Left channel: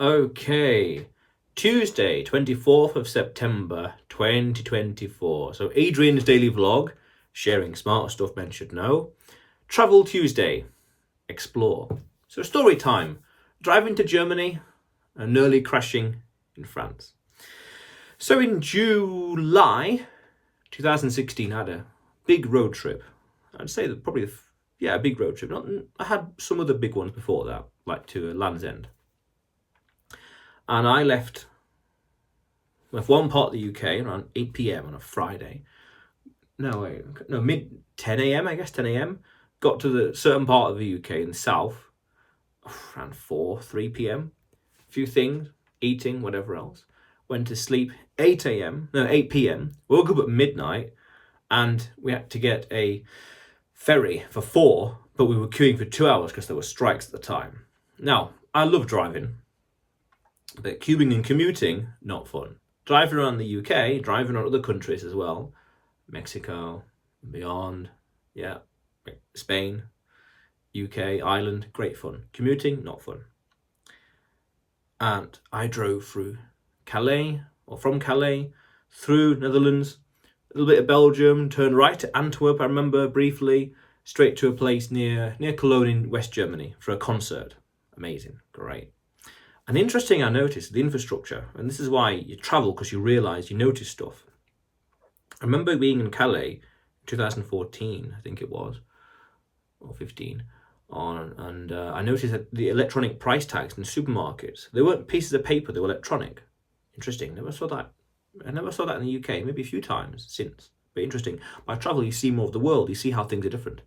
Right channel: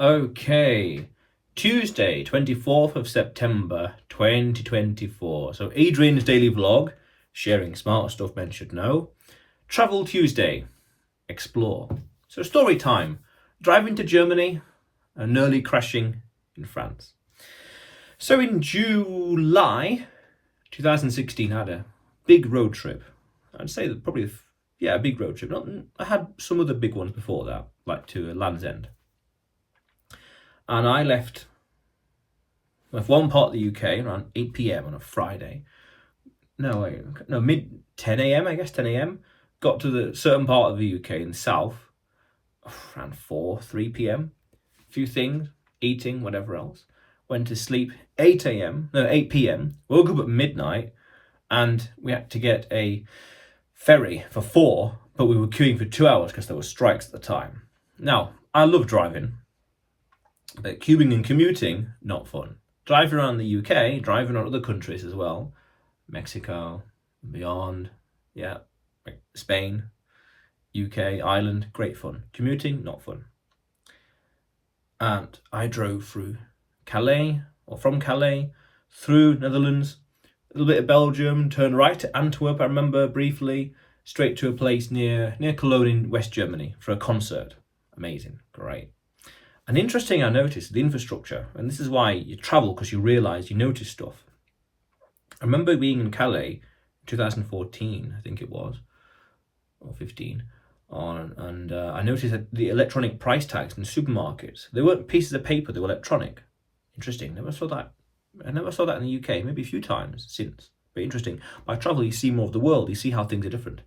Okay, Tuesday, 24th of September 2024. So Adrian's daily vlog, sharing smart stuff men should know. Travel Tuesday, explore. So story time, driving to Germany and nearly crashing in France. So in July 2016, I had a big road trip. I'd say that probably, a big road trip. I had some other big ones before that, like to Land's End. And I left one part of the UK around 8 p.m. on a Friday. Mid 10 a.m. I guess 10 a.m. Got to the certain part of the UK in the south around 3 p.m. A few things, eating, whatever else. Went to sleep 8 p.m. Woke up at midnight, and we had to get a ferry for 4, but we were queuing for 2 hours because there were strikes at the time. Now, I love driving, but queuing and commuting, not fun. Driving around the UK, driving around other countries as well, Mexico, beyond, Spain, UK, Ireland, great fun. Commuting, not fun. And I drove through Calais, or from Calais, through Netherlands, a little bit of Belgium, turned right to Antwerp, I remember briefly, straight to a place near Cologne in West Germany for a concert. Amazing, great. And interesting, I noticed the infrastructure, and this is why you travel, because you realise, you notice stuff. I remember being in Calais in 2014, I think it was, or 15, and I noticed that the electronic price tags in supermarkets, they weren't pieces of paper, they were electronic. Interesting, never saw that. I never saw that in the UK, maybe a few times since, but interesting. By travel, you see more of the world, you see how things are different.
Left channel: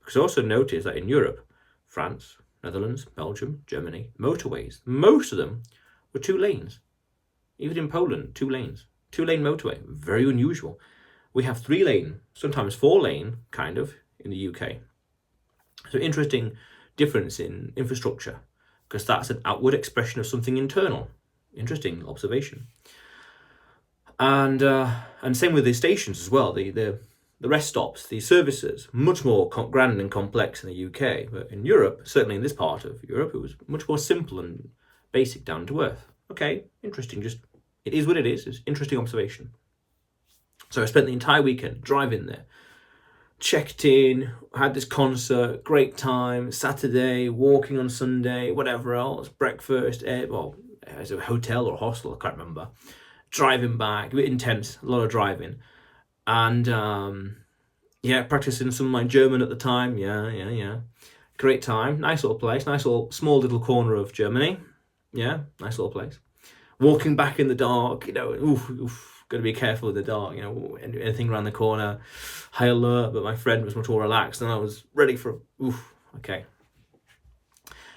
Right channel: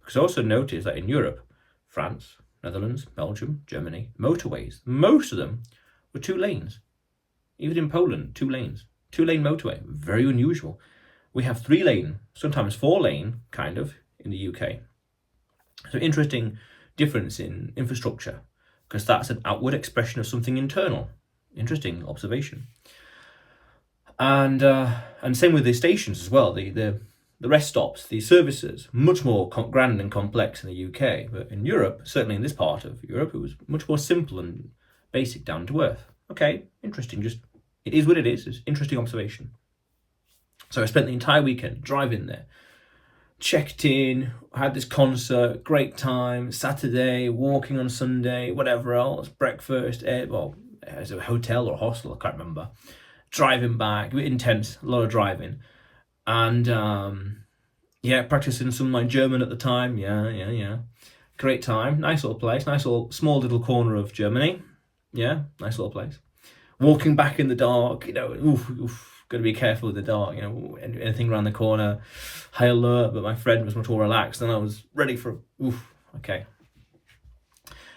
Because I also noticed that in Europe, France, Netherlands, Belgium, Germany, motorways, most of them were 2 lanes. Even in Poland, 2 lanes. 2-lane motorway, very unusual. We have 3-lane, sometimes 4-lane, kind of, in the UK. So interesting difference in infrastructure, because that's an outward expression of something internal. Interesting observation. And same with the stations as well, the rest stops, the services, much more grand and complex in the UK. But in Europe, certainly in this part of Europe, it was much more simple and basic, down to earth. Okay, interesting. Just, it is what it is. It's interesting observation. So I spent the entire weekend driving there. Checked in, had this concert, great time. Saturday, walking on Sunday, whatever else. Breakfast, as a hotel or hostel, I can't remember. Driving back, a bit intense, a lot of driving. And practicing some of my German at the time. Great time, nice little place, nice little small little corner of Germany. Yeah, nice little place. Walking back in the dark, got to be careful with the dark, anything around the corner, high alert, but my friend was much more relaxed and I was ready for, okay.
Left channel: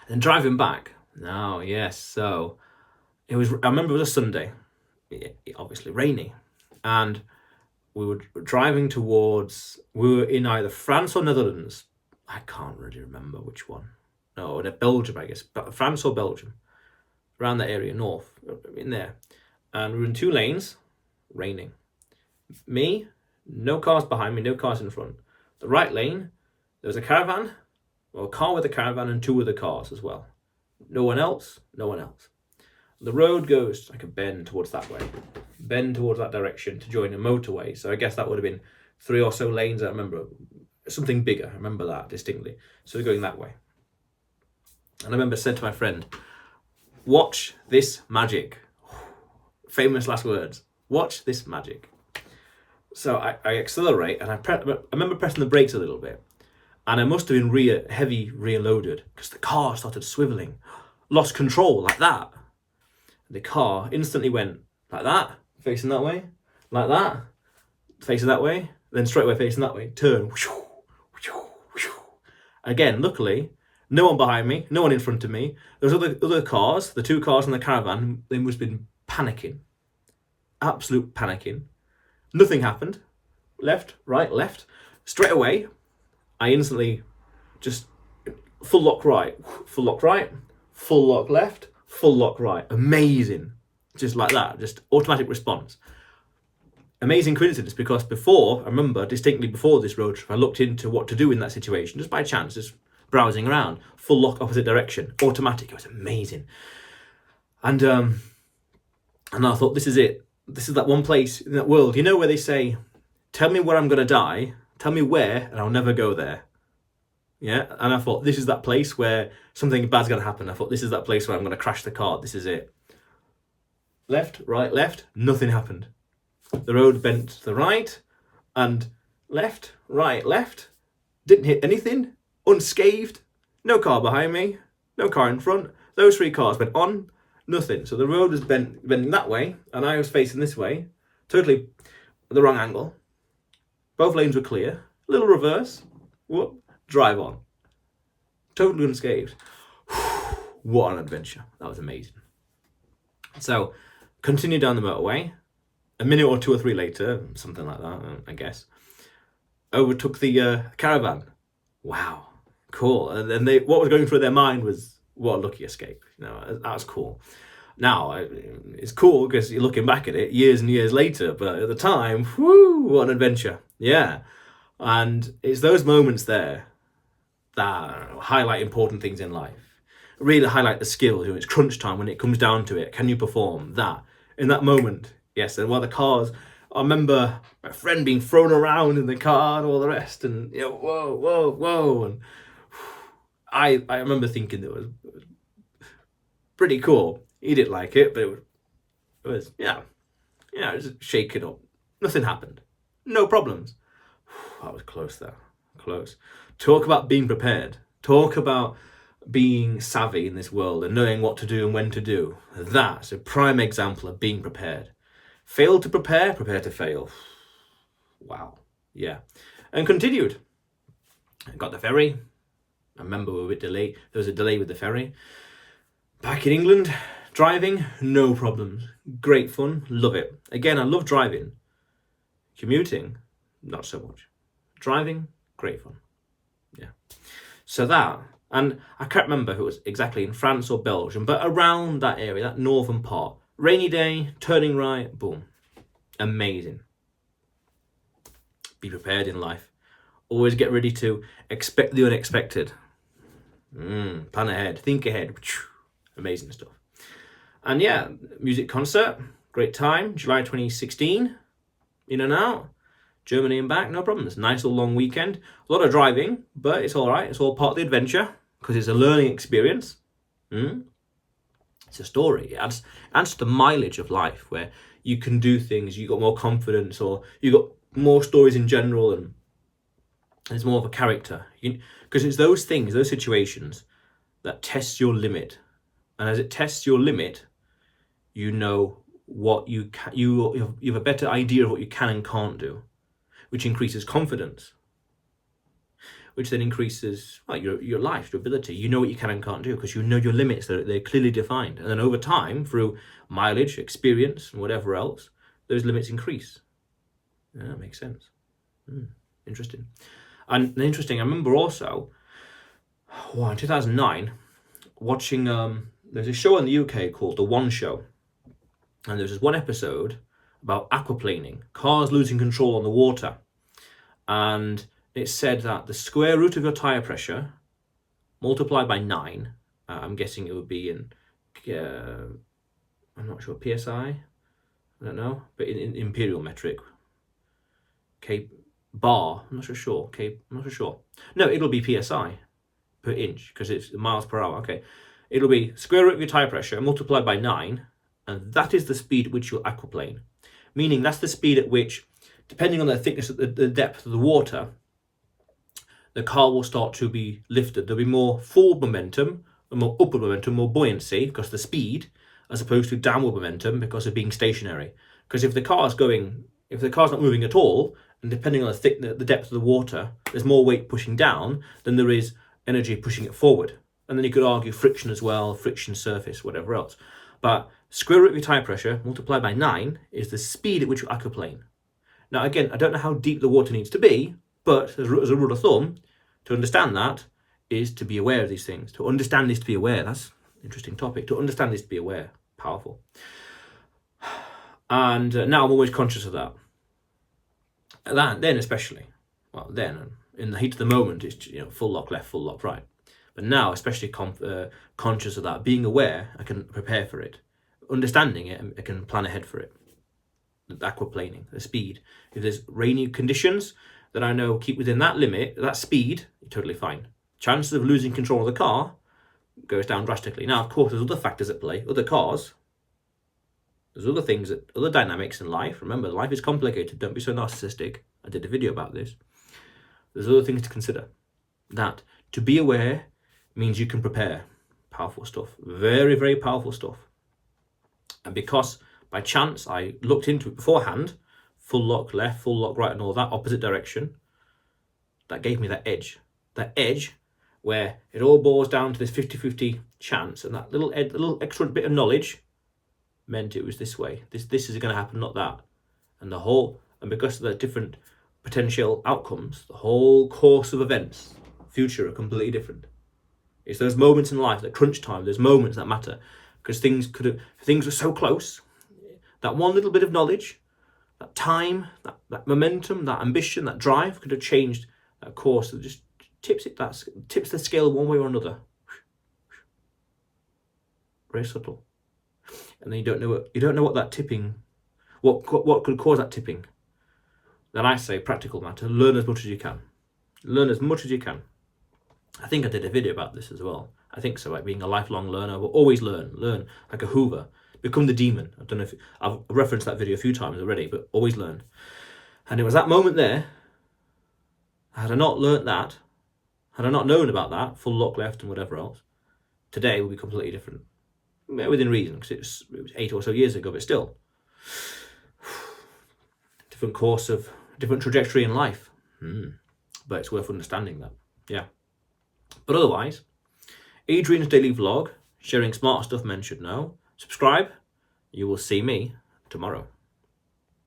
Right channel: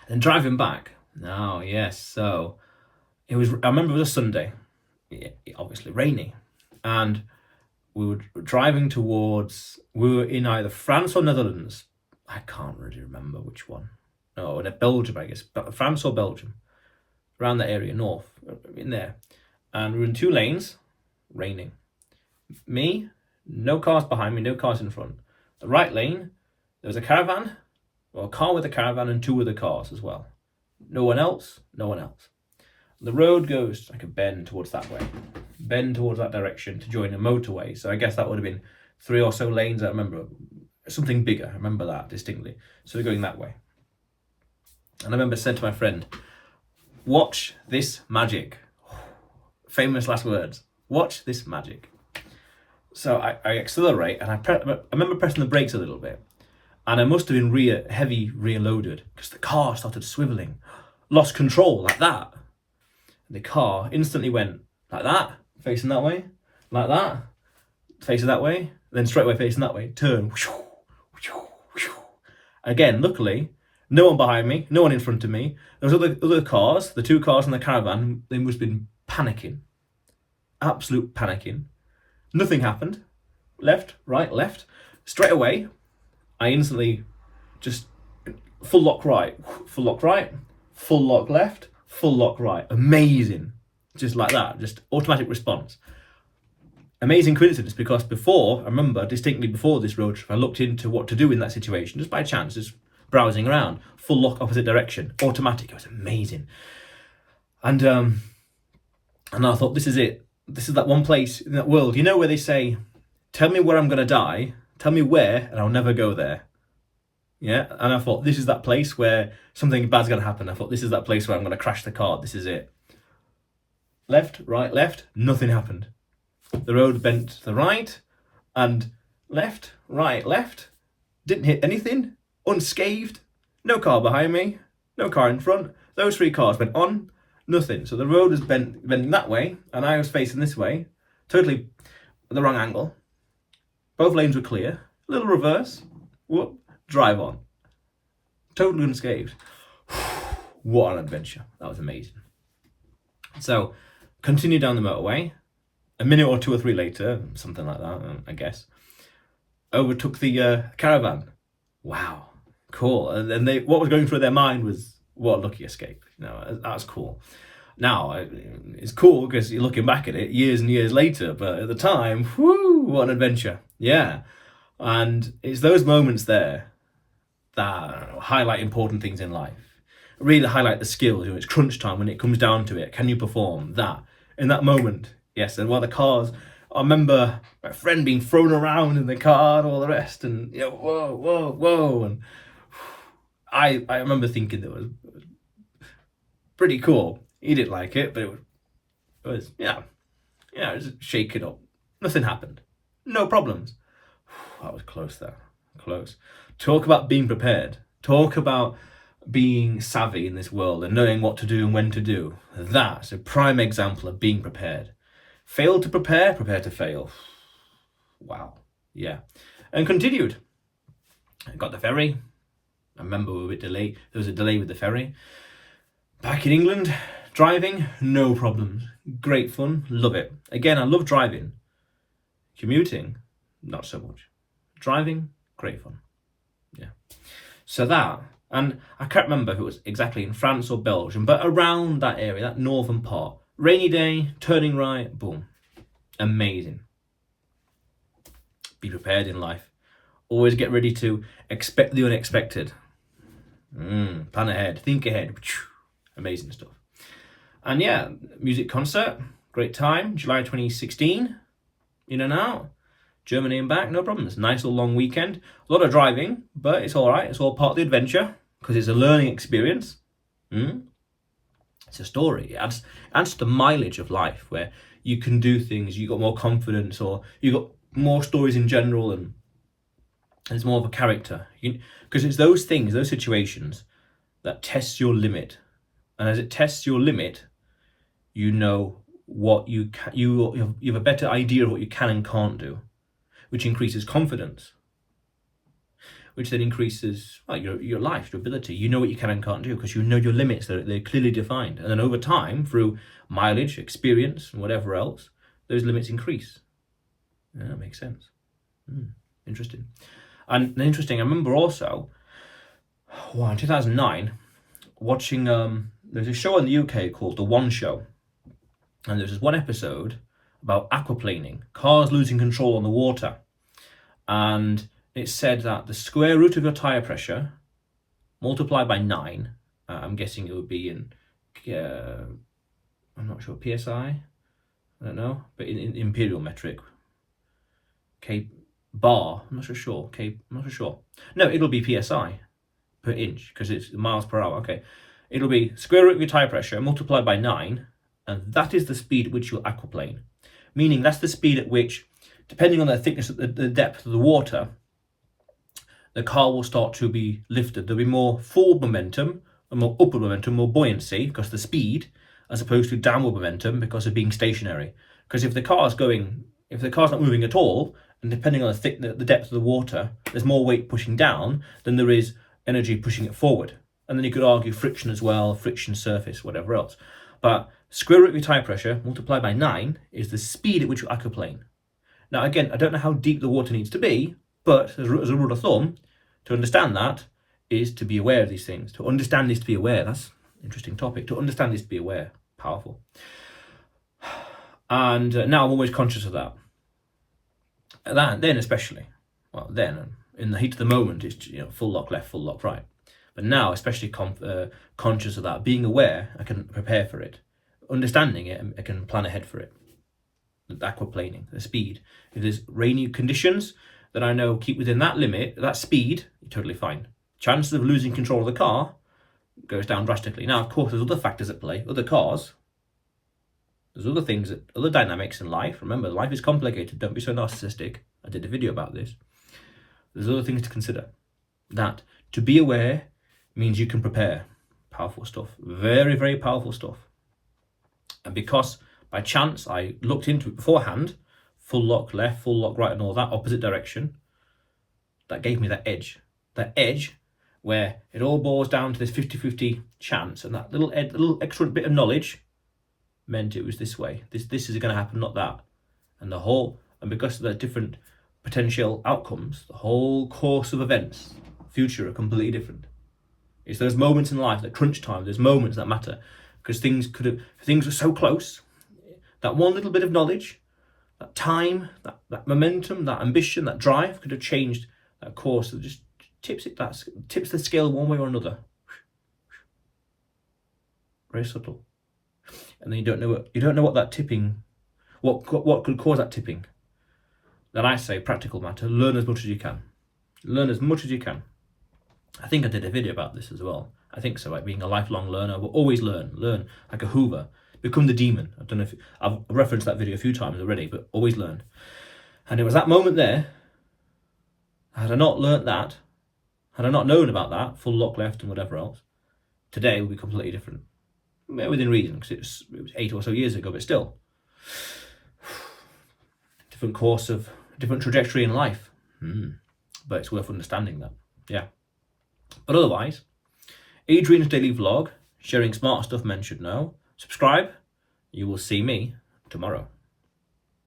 And driving back, so I remember it was a Sunday, obviously rainy, and we were driving we were in either France or Netherlands. I can't really remember which one. No, in Belgium, I guess. France or Belgium. Around that area, north, in there. And we were in 2 lanes, raining. Me, no cars behind me, no cars in front. The right lane, there was a caravan, or a car with a caravan and 2 other cars as well. No one else. The road goes like a bend towards that direction to join a motorway. So I guess that would have been 3 or so lanes. I remember something bigger. I remember that distinctly. So we're going that way. And I remember said to my friend, "Watch this magic." Famous last words. Watch this magic. So I accelerate and I remember pressing the brakes a little bit. And I must have been heavy rear loaded because the car started swiveling. Lost control like that. The car instantly went like that, facing that way, like that, facing that way, then straight away facing that way, turn. Again, luckily, no one behind me, no one in front of me. There was other cars, the 2 cars and the caravan, they must have been panicking. Absolute panicking. Nothing happened. Left, right, left. Straight away, I instantly just full lock right, full lock left, full lock right. Amazing. Just like that, just automatic response. Amazing coincidence, because I remember distinctly before this road trip, I looked into what to do in that situation, just by chance, just browsing around. Full lock opposite direction, automatic. It was amazing. And I thought, this is it. This is that one place in that world, you know, where they say, tell me where I'm going to die, tell me where, and I'll never go there. Yeah, and I thought, this is that place where something bad's going to happen. I thought, this is that place where I'm going to crash the car. This is it. Left, right, left, nothing happened. The road bent to the right, and left, right, left. Didn't hit anything, unscathed. No car behind me, no car in front. Those 3 cars went on, nothing. So the road was bending that way, and I was facing this way, totally the wrong angle. Both lanes were clear. Little reverse. Whoop. Drive on. Totally unscathed. What an adventure. That was amazing. So, continue down the motorway. A minute or 2 or 3 later, something like that, I guess, overtook the caravan. Wow. Cool. And what was going through their mind was, what a lucky escape. You know, that was cool. Now, it's cool because you're looking back at it years and years later, but at the time, whoo, what an adventure. Yeah. And it's those moments there that highlight important things in life. Really highlight the skills. It's crunch time when it comes down to it. Can you perform that? In that moment, yes. And while the cars, I remember my friend being thrown around in the car and all the rest, and you know, whoa. And I remember thinking it was pretty cool. He didn't like it, but it was just shake it up. Nothing happened. No problems. That was close there. Close. Talk about being prepared. Talk about being savvy in this world and knowing what to do and when to do. That's a prime example of being prepared. Fail to prepare, prepare to fail. Wow. Yeah. And continued. I got the ferry. I remember we were a bit delayed. There was a delay with the ferry. Back in England, driving, no problems. Great fun. Love it. Again, I love driving. Commuting, not so much. Driving, great fun. Yeah. So that, and I can't remember if it was exactly in France or Belgium, but around that area, that northern part. Rainy day, turning right, boom. Amazing. Be prepared in life. Always get ready to expect the unexpected. Plan ahead, think ahead. Amazing stuff. And yeah, music concert, great time, July 2016, in and out. Germany and back, no problems. Nice little long weekend. A lot of driving, but it's all right. It's all part of the adventure because it's a learning experience. It's a story. It adds to the mileage of life where you can do things, you got more confidence, or you got more stories in general, and it's more of a character. Because it's those things, those situations that test your limit. And as it tests your limit, you know what you can, you have a better idea of what you can and can't do, which increases confidence, which then increases your life, your ability. You know what you can and can't do because you know your limits. They're clearly defined. And then over time, through mileage, experience, and whatever else, those limits increase. Yeah, that makes sense. Interesting. And interesting, I remember also, in 2009, watching, there's a show in the UK called The One Show. And there's this one episode about aquaplaning, cars losing control on the water. And it said that the square root of your tyre pressure multiplied by 9, I'm guessing it would be in, I'm not sure, PSI? I don't know, but in imperial metric. K bar, I'm not so sure. I'm not so sure. No, it'll be PSI per inch because it's miles per hour. Okay, it'll be square root of your tyre pressure multiplied by 9, and that is the speed at which you'll aquaplane. Meaning that's the speed at which, depending on the thickness of the depth of the water, the car will start to be lifted. There'll be more forward momentum, and more upward momentum, more buoyancy because of the speed, as opposed to downward momentum because of being stationary. Because if the car's not moving at all, and depending on the depth of the water, there's more weight pushing down than there is energy pushing it forward. And then you could argue friction as well, friction surface, whatever else. But square root of your tyre pressure multiplied by 9 is the speed at which you aquaplane. Now again, I don't know how deep the water needs to be, but as a rule of thumb, to understand that is to be aware of these things. To understand is to be aware. That's an interesting topic. To understand is to be aware. Powerful. And now I'm always conscious of that. Then especially, in the heat of the moment, it's full lock left, full lock right. But now, especially conscious of that, being aware, I can prepare for it. understanding it, I can plan ahead for it. The aquaplaning, the speed. If there's rainy conditions, then I know keep within that limit, that speed, you're totally fine. Chances of losing control of the car goes down drastically. Now, of course, there's other factors at play. Other cars, there's other things, other dynamics in life. Remember, life is complicated. Don't be so narcissistic. I did a video about this. There's other things to consider. That to be aware means you can prepare. Powerful stuff. Very, very powerful stuff. And because by chance I looked into it beforehand, full lock left, full lock right, and all that opposite direction, that gave me that edge. That edge where it all boils down to this 50-50 chance, and that little extra bit of knowledge meant it was this way. This is going to happen, not that. And because of the different potential outcomes, the whole course of events, future, are completely different. It's those moments in life, that crunch time, those moments that matter, because things were so close. That one little bit of knowledge, that time, that momentum, that ambition, that drive could have changed that course. It just tips the scale one way or another. Very subtle. And then you don't know what that tipping, what could cause that tipping. Then I say, practical matter, learn as much as you can. Learn as much as you can. I think I did a video about this as well. I think so, like being a lifelong learner, but always learn like a Hoover. Become the demon. I don't know if I've referenced that video a few times already, but always learn. And it was that moment there. Had I not learnt that, had I not known about that, full lock left and whatever else, today would be completely different. Within reason, because it was 8 or so years ago, but still. Different course of, different trajectory in life. But it's worth understanding that. Yeah. But otherwise, Adrian's daily vlog, sharing smart stuff men should know. Subscribe. You will see me tomorrow.